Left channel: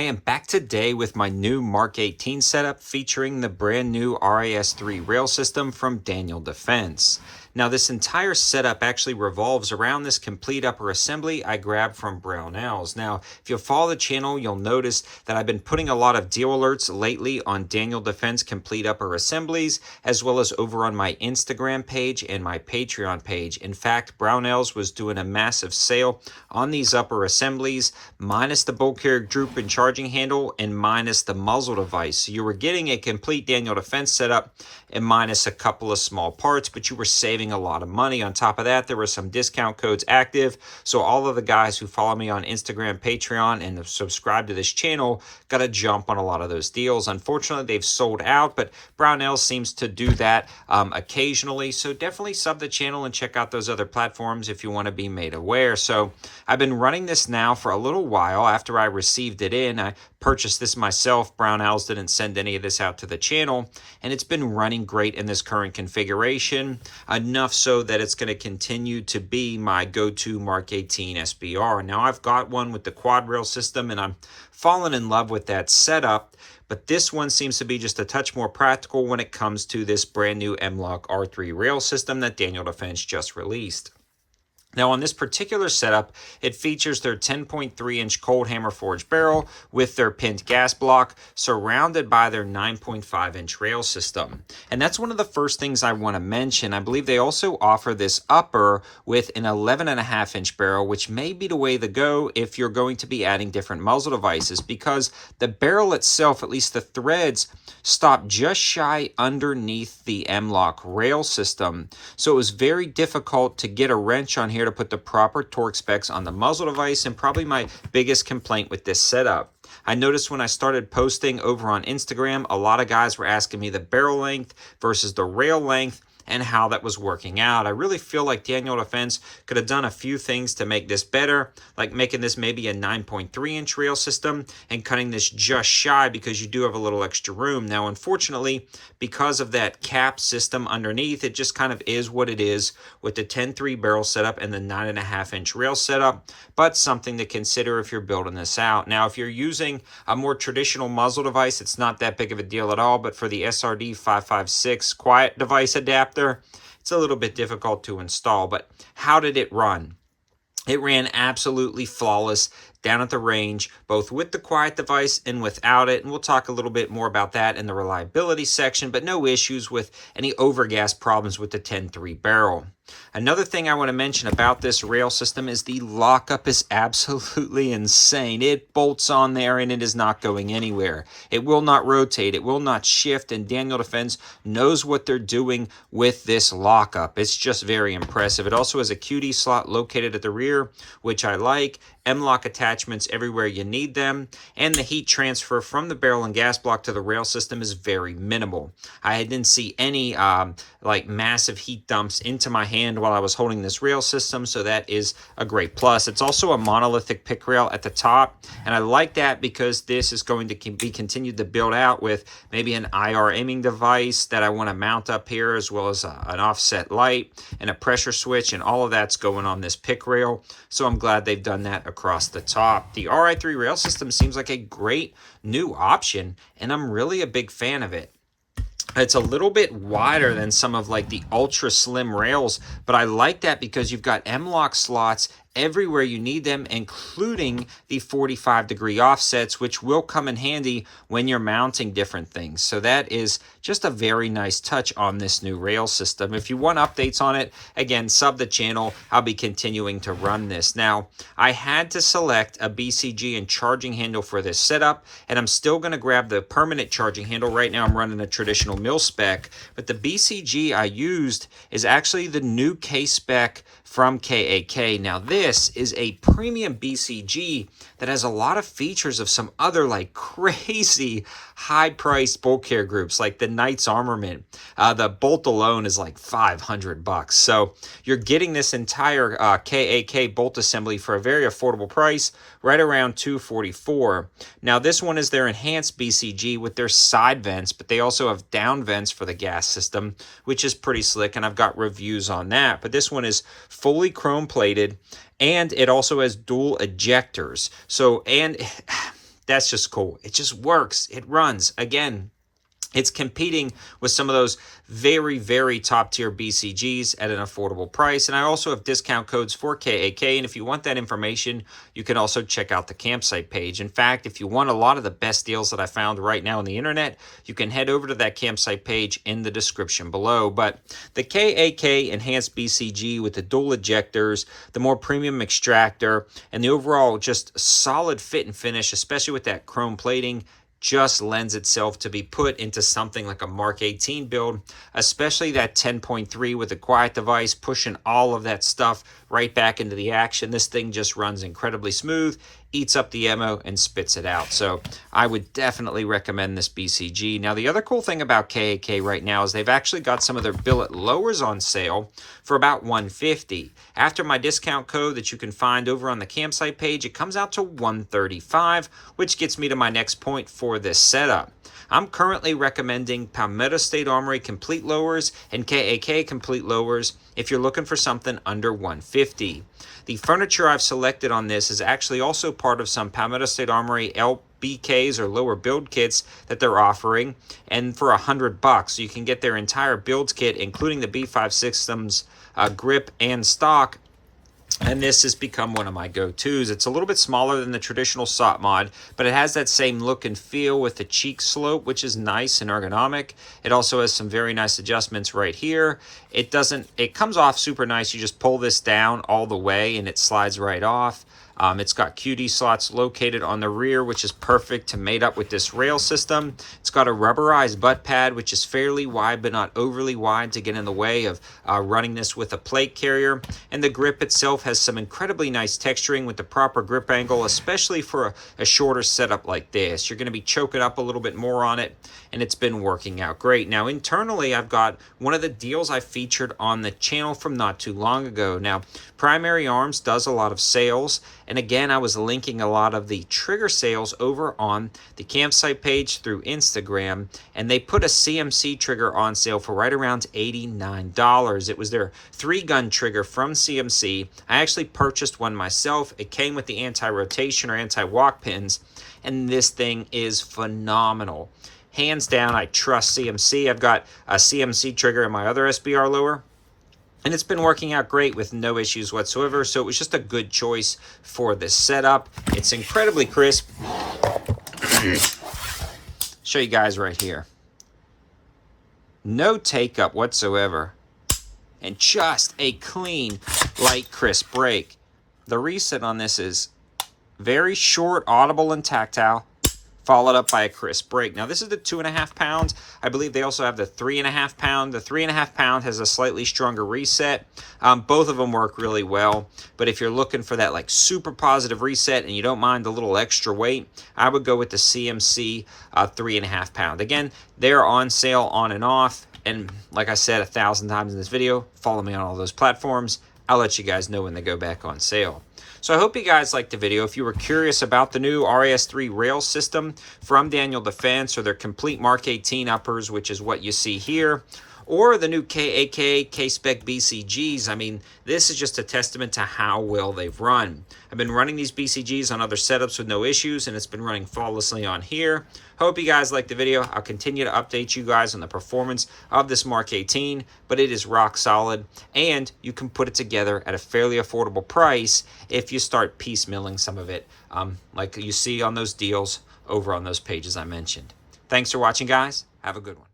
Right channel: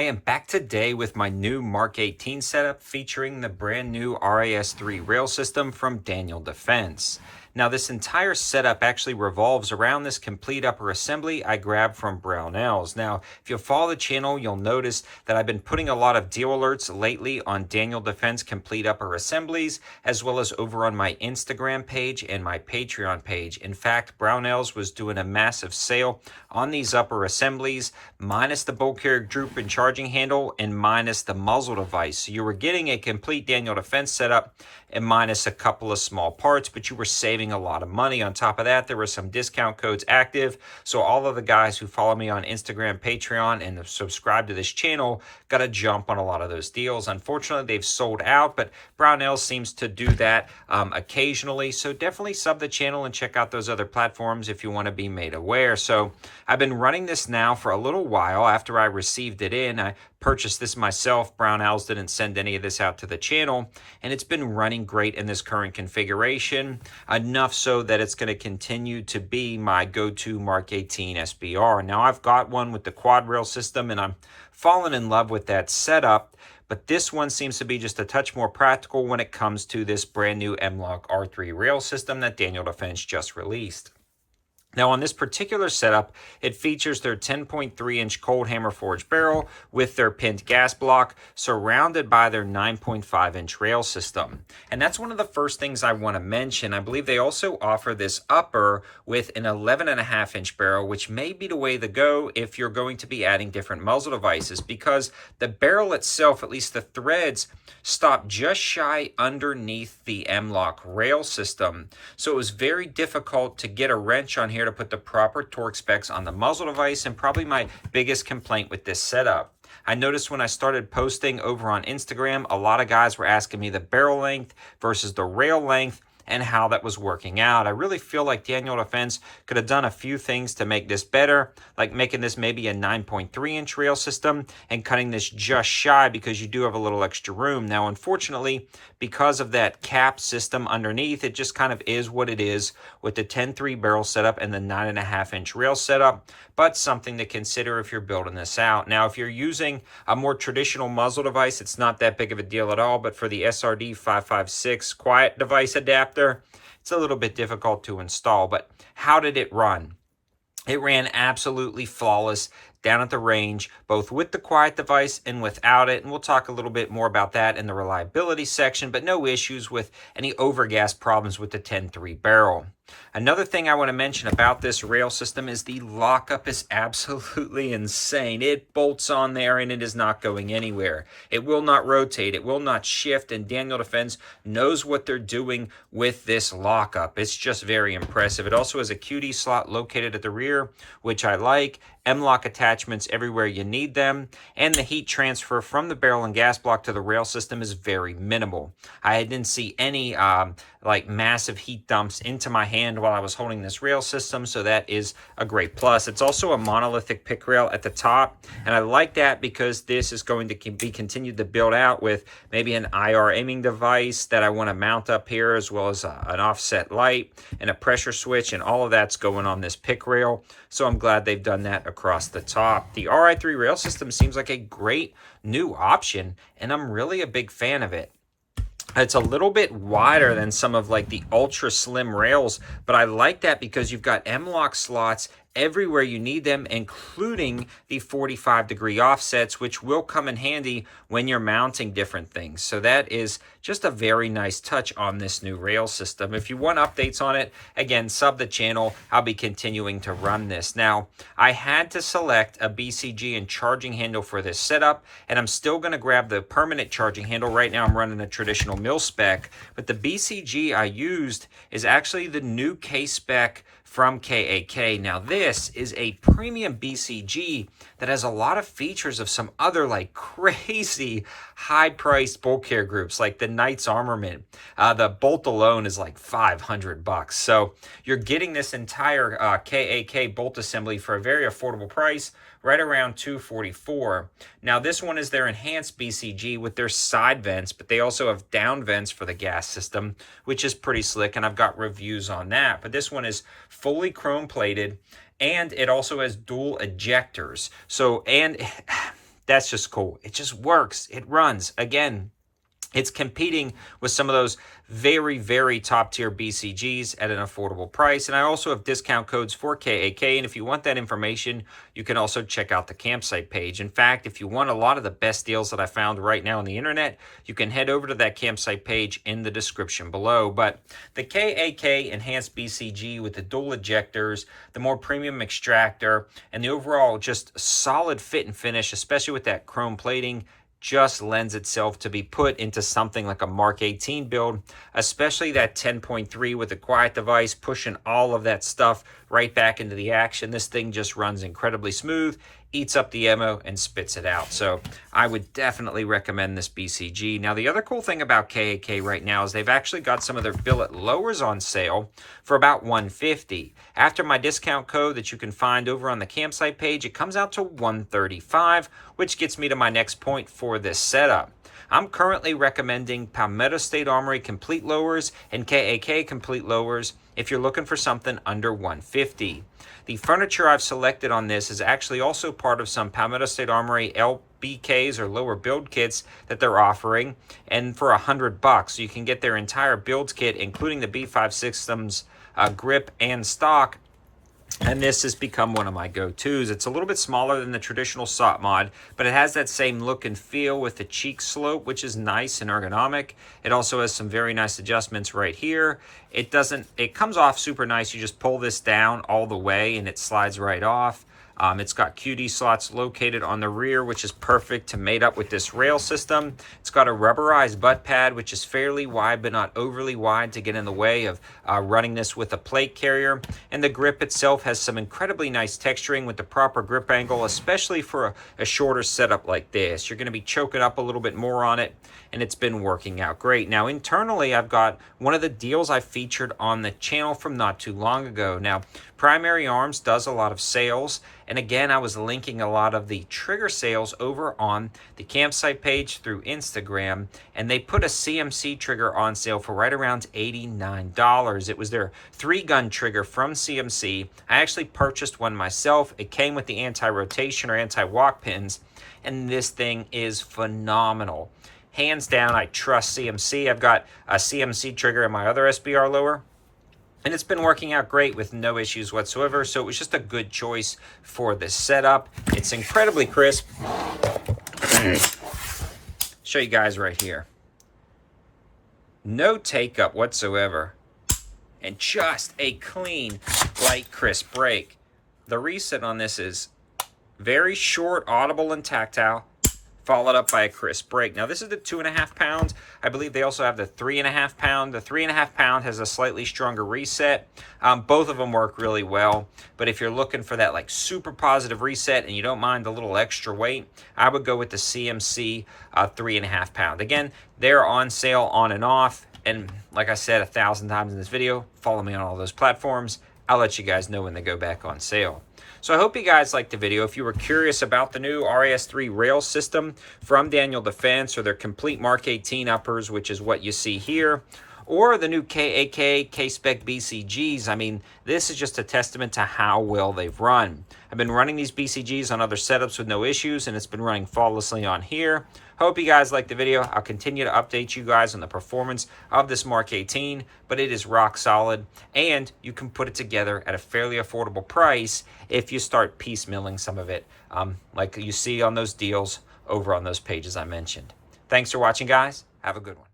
I am back today with my new MK18 setup featuring the brand new RIII rail system from Daniel Defense. Now this entire setup actually revolves around this complete upper assembly I grabbed from Brownells. Now if you follow the channel, you'll notice that I've been putting a lot of deal alerts lately on Daniel Defense complete upper assemblies, as well as over on my Instagram page and my Patreon page. In fact, Brownells was doing a massive sale on these upper assemblies, minus the bolt carrier droop and charging handle and minus the muzzle device. So you were getting a complete Daniel Defense setup and minus a couple of small parts, but you were saving a lot of money. On top of that, there were some discount codes active. So all of the guys who follow me on Instagram, Patreon, and subscribe to this channel got a jump on a lot of those deals. Unfortunately, they've sold out, but Brownells seems to do that occasionally. So definitely sub the channel and check out those other platforms if you want to be made aware. So I've been running this now for a little while. After I received it in, I purchased this myself. Brownells didn't send any of this out to the channel, and it's been running great in this current configuration, enough so that it's going to continue to be my go-to MK18 SBR. Now I've got one with the quad rail system and I'm fallen in love with that setup, but this one seems to be just a touch more practical when it comes to this brand new M-LOK R3 rail system that Daniel Defense just released. Now on this particular setup, it features their 10.3-inch cold hammer forged barrel with their pinned gas block, surrounded by their 9.5-inch rail system. And that's one of the first things I want to mention. I believe they also offer this upper with an 11.5-inch barrel, which may be the way to go if you're going to be adding different muzzle devices, because the barrel itself, at least the threads, stop just shy underneath the M-LOK rail system. So it was very difficult to get a wrench on here to put the proper torque specs on the muzzle device, and probably my biggest complaint with this setup. I noticed when I started posting over on Instagram, a lot of guys were asking me the barrel length versus the rail length and how that was working out. I really feel like Daniel Defense could have done a few things to make this better, like making this maybe a 9.3-inch rail system and cutting this just shy, because you do have a little extra room. Now, unfortunately, because of that cap system underneath, it just kind of is what it is with the 10.3 barrel setup and the 9.5-inch rail setup, but something to consider if you're building this out. Now, if you're using a more traditional muzzle device, it's not that big of a deal at all, but for the SRD 556 quiet device adapter, it's a little bit difficult to install. But how did it run? It ran absolutely flawless down at the range, both with the quiet device and without it. And we'll talk a little bit more about that in the reliability section, but no issues with any overgas problems with the 10.3 barrel. Another thing I want to mention about this rail system is the lockup is absolutely insane. It bolts on there and it is not going anywhere. It will not rotate. It will not shift. And Daniel Defense knows what they're doing with this lockup. It's just very impressive. It also has a QD slot located at the rear, which I like. M-LOK attachments everywhere you need them, and the heat transfer from the barrel and gas block to the rail system is very minimal. I didn't see any like massive heat dumps into my hand while I was holding this rail system, so that is a great plus. It's also a monolithic pick rail at the top, and I like that because this is going to be continued to build out with maybe an IR aiming device that I want to mount up here, as well as an offset light and a pressure switch, and all of that's going on this pick rail. So I'm glad they've done that across the top. The RIII rail system seems like a great new option, and I'm really a big fan of it. It's a little bit wider than some of like the ultra slim rails, but I like that because you've got M-LOK slots everywhere you need them, including the 45-degree offsets, which will come in handy when you're mounting different things. So that is just a very nice touch on this new rail system. If you want updates on it, again, sub the channel. I'll be continuing to run this. Now, I had to select a BCG and charging handle for this setup, and I'm still going to grab the permanent charging handle. Right now, I'm running a traditional mil spec, but the BCG I used is actually the new KSPEC from KAK. Now this is a premium BCG that has a lot of features of some other like crazy high-priced bolt carrier groups like the Knight's Armament. The bolt alone is like $500. So you're getting this entire KAK bolt assembly for a very affordable price, right around $244. Now this one is their enhanced BCG with their side vents, but they also have down vents for the gas system, which is pretty slick, and I've got reviews on that. But this one is fully chrome plated, and it also has dual ejectors. So, and that's just cool. It just works. It runs. Again, it's competing with some of those very, very top tier BCGs at an affordable price. And I also have discount codes for KAK. And if you want that information, you can also check out the campsite page. In fact, if you want a lot of the best deals that I found right now on the internet, you can head over to that campsite page in the description below. But the KAK Enhanced BCG with the dual ejectors, the more premium extractor, and the overall just solid fit and finish, especially with that chrome plating, just lends itself to be put into something like a Mark 18 build, especially that 10.3 with a quiet device, pushing all of that stuff right back into the action. This thing just runs incredibly smooth, eats up the ammo, and spits it out. So I would definitely recommend this BCG. Now, the other cool thing about KAK right now is they've actually got some of their billet lowers on sale for about $150. After my discount code that you can find over on the campsite page, it comes out to $135, which gets me to my next point for this setup. I'm currently recommending Palmetto State Armory Complete Lowers and KAK Complete Lowers if you're looking for something under $150. The furniture I've selected on this is actually also part of some Palmetto State Armory LBKs or lower build kits that they're offering, and for $100. So you can get their entire build kit, including the B5 Systems grip and stock. And this has become one of my go-tos. It's a little bit smaller than the traditional SOT mod, but it has that same look and feel with the cheek slope, which is nice and ergonomic. It also has some very nice adjustments right here. It comes off super nice. You just pull this down all the way and it slides right off. It's got QD slots located on the rear, which is perfect to mate up with this rail system. It's got a rubberized butt pad, which is fairly wide, but not overly wide to get in the way of running this with a plate carrier. And the grip itself has some incredibly nice texturing with the proper grip angle, especially for a shorter setup like this. You're going to be choking up a little bit more on it, and it's been working out great. Now, internally, I've got one of the deals I featured on the channel from not too long ago. Now, Primary Arms does a lot of sales, and again, I was linking a lot of the trigger sales over on the campsite page through Instagram, and they put a CMC trigger on sale for right around $89. It was their 3-gun trigger from CMC. I actually purchased one myself. It came with the anti-rotation or anti-walk pins, and this thing is phenomenal. Hands down, I trust CMC. I've got a CMC trigger in my other SBR lower, and it's been working out great with no issues whatsoever. So it was just a good choice for this setup. It's incredibly crisp. Show you guys right here. No take up whatsoever. And just a clean, light, crisp break. The reset on this is very short, audible, and tactile, followed up by a crisp break. Now, this is the 2.5 pounds. I believe they also have the 3.5 pound. The 3.5 pound has a slightly stronger reset. Both of them work really well, but if you're looking for that like super positive reset and you don't mind a little extra weight, I would go with the CMC 3.5 pound. Again, they're on sale on and off, and like I said 1,000 times in this video, follow me on all those platforms. I'll let you guys know when they go back on sale. So I hope you guys liked the video. If you were curious about the new RIII rail system from Daniel Defense, or their complete Mark 18 uppers, which is what you see here, or the new KAK KSPEC BCGs, I mean, this is just a testament to how well they've run. I've been running these BCGs on other setups with no issues, and it's been running flawlessly on here. Hope you guys liked the video. I'll continue to update you guys on the performance of this Mark 18, but it is rock solid, and you can put it together at a fairly affordable price if you start piecemealing some of it, like you see on those deals over on those pages I mentioned. Thanks for watching, guys. Have a good one.